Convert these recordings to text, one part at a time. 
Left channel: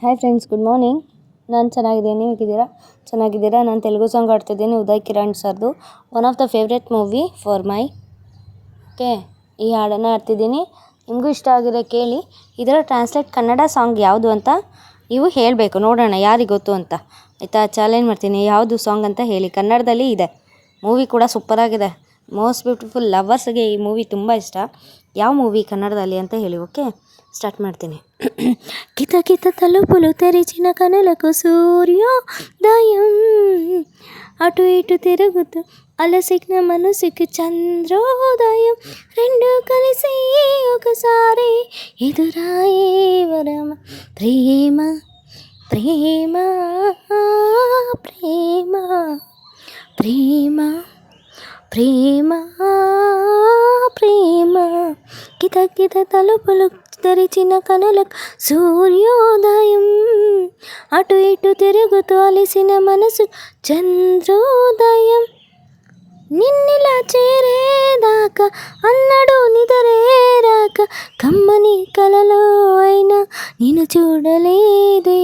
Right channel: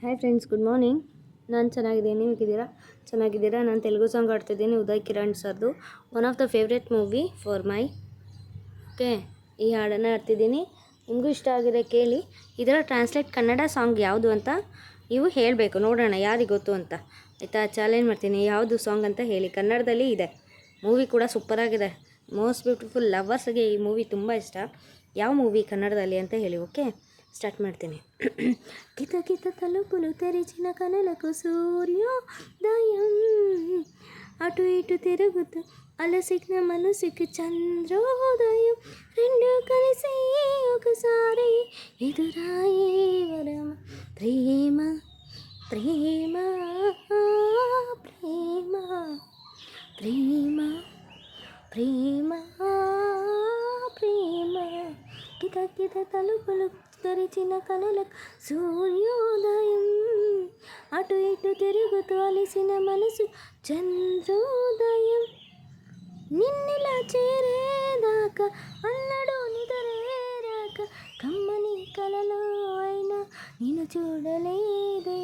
Hi friends, good morning. ನಾನು ಚೆನ್ನಾಗಿದ್ದೀನಿ, ನೀವು ಚೆನ್ನಾಗಿದ್ದೀರಾ? ನಾನು ತೆಲುಗು ಸಾಂಗ್ ಆಡ್ತಿದ್ದೀನಿ, ಉದಯ್ ಕಿರಣ್ ಸರ್ದು. One of the favourite movie for my. Okay, ಈ ಹಾಡನ್ನು ಆಡ್ತಿದ್ದೀನಿ. ನಿಮಗೂ ಇಷ್ಟ ಆಗಿದೆ ಕೇಳಿ. ಇದರ ಟ್ರಾನ್ಸ್ಲೇಟ್ ಕನ್ನಡ ಸಾಂಗ್ ಯಾವುದು ಅಂತ ನೀವು ಹೇಳಬೇಕು, ನೋಡೋಣ ಯಾರಿಗೆ ಗೊತ್ತು ಅಂತ. ಆಯಿತಾ? ಚಾಲೆಂಜ್ ಮಾಡ್ತೀನಿ, ಯಾವುದು ಸಾಂಗ್ ಅಂತ ಹೇಳಿ. ಕನ್ನಡದಲ್ಲಿ ಇದೆ, ಮೂವಿ ಕೂಡ ಸೂಪರಾಗಿದೆ. ಮೋಸ್ಟ್ ಬ್ಯೂಟಿಫುಲ್ ಲವರ್ಸ್ಗೆ ಈ ಮೂವಿ ತುಂಬ ಇಷ್ಟ. ಯಾವ ಮೂವಿ ಕನ್ನಡದಲ್ಲಿ ಅಂತ ಹೇಳಿ. ಓಕೆ, స్టార్ట్ ಮಾಡ್ತೀನಿ. కిత కిత తలుపులు తెరిచిన కనులకు సూర్యోదయం, అటు ఇటు తిరుగుతూ అలసిన మనసుకి చంద్రోదయం, రెండు కలిసి ఒకసారి ఎదురాయే వరమ. ప్రేమ ప్రేమ ప్రేమ ప్రేమ ప్రేమ ప్రేమ. కిత కిత తలుపులు తెరిచిన కనులకు సూర్యోదయం, అటు ఇటు తిరుగుతూ అలిసిన మనసు చంద్రోదయం. నిన్నిలా చేరేదాకా అన్నడు నిదరేరాక, కమ్మని కలలో అయినా నిన్ను చూడలేదే.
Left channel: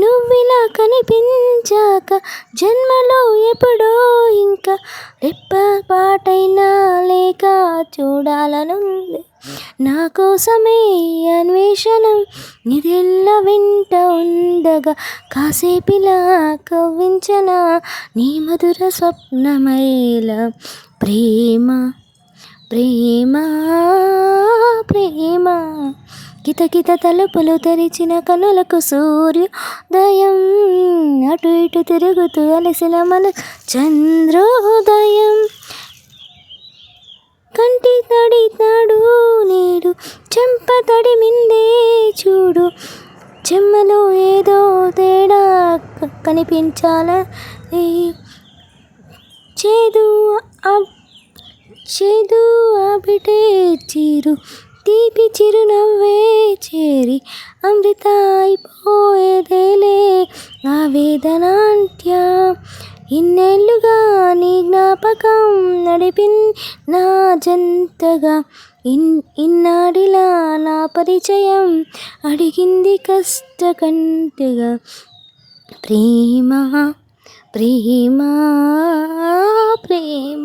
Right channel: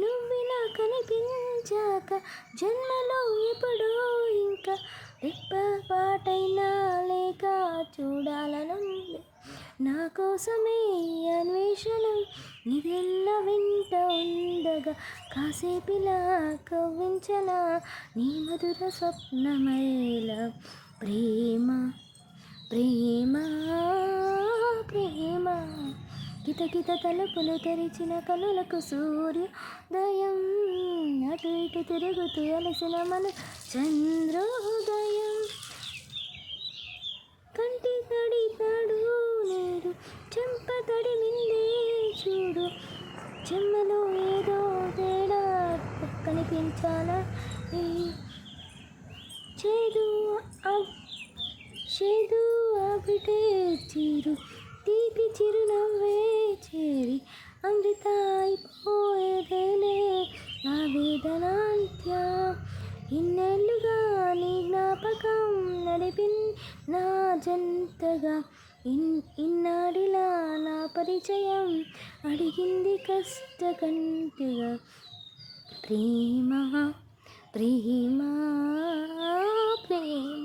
నువ్విలా కనిపించాక జన్మలో ఎప్పుడో ఇంకా రెప్ప పాటైనా లేక చూడాలనుంది. నా కోసమే అన్వేషణం నిదెల్ల వెంట ఉండగా, కాసేపిలా కవ్వించన నీ మధుర స్వప్నమైల. ప్రేమ ప్రేమ ప్రేమ. కిత కిత తలుపులు తెరిచిన కనులకు సూర్యోదయం, అటు ఇటు తిరుగుతూ అలసిన మన చంద్రోదయం. కంటి తడి తాడు నేడు చెంప తడి మిందే చూడు, చెమ్మలో ఏదో తేడా కనిపించాల. చేదు చేదు ఆబిటే చీరు, తీపి చిరునవ్వే చేరి అమృత అయిపోయేదేలే ఆవేదనాంత్య. ఇన్నేళ్ళుగా నీ జ్ఞాపకం నా జంతగా, ఇన్నాడిలా నా పరిచయం అడిగింది కష్టకంటగా. ప్రేమ ప్రేమ ప్రేమ.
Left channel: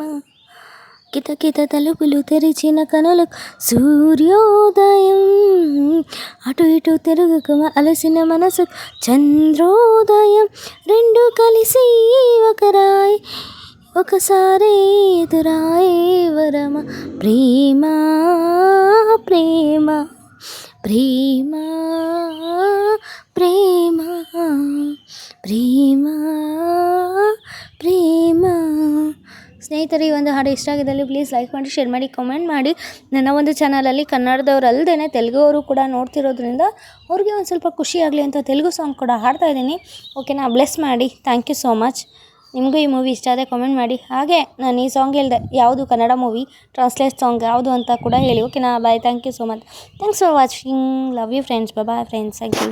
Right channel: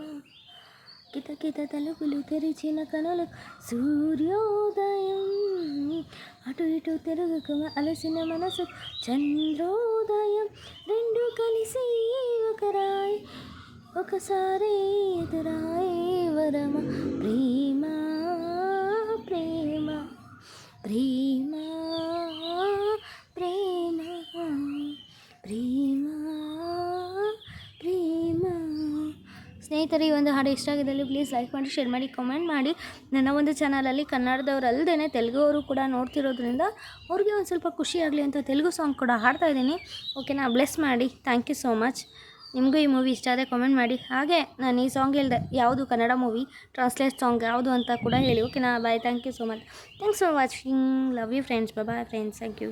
కిత కిత తలుపులు తెరిచిన కనులకు సూర్యోదయం, అటు ఇటు తిరుగుకు అలసిన మనసు చంద్రోదయం, రెండు కలిసి ఒకసారి ఎదురాయే వరమ. ప్రేమ ప్రేమ ప్రేమ ప్రేమ ಪ್ರೇಮ ಪ್ರೇಮ. ಸ್ನೇಹಿತರೆ, ಈ ಒಂದು ಹಾಡು ಇಷ್ಟ ಆಗಿದ್ದಲ್ಲಿ ಪ್ಲೀಸ್ ಲೈಕ್ ಮಾಡಿ, ಶೇರ್ ಮಾಡಿ, ಕಾಮೆಂಟ್ ಮಾಡಿ. ನನ್ನ ಒಂದು ಚಾನಲಲ್ಲಿ ಕನ್ನಡದವ್ರು ಅಲ್ಲದೇ ತೆಲುಗು ಅವರು ಕೂಡ ನೋಡ್ತಿರೋದ್ರಿಂದ ಅವ್ರಿಗೆ ಒಂದು ಸ್ವಲ್ಪ ಖುಷಿ ಆಗಲಿ ಅಂತ ತೆಲುಗು ಸಾಂಗ್ ಕೂಡ ಹಾಡ್ತಾ ಇದ್ದೀನಿ. ಓಕೆನಾ? ಬ್ಲೆಸ್ ಮಾಡಿ. Thank you so much. ನಿಮಗೂ ಈ ಮೂವಿ ಇಷ್ಟ ಆದರೆ ಕಾಮೆಂಟ್ ಮಾಡಿ. ಹಾಗೆ ನಾನು ಈ ಸಾಂಗ್ ಹೇಳಿದೆ, ಯಾವುದು ಕನ್ನಡ ಮೂವಿ ಟ್ರಾನ್ಸ್ಲೇಟ್ ಸಾಂಗ್ ಯಾವುದು ಅಂತ ಕೂಡ ಹೇಳಿ. ಓಕೆನಾ? Bye. Thank you so much. Thanks for watching. Love you friends. Bye friends. Thank you.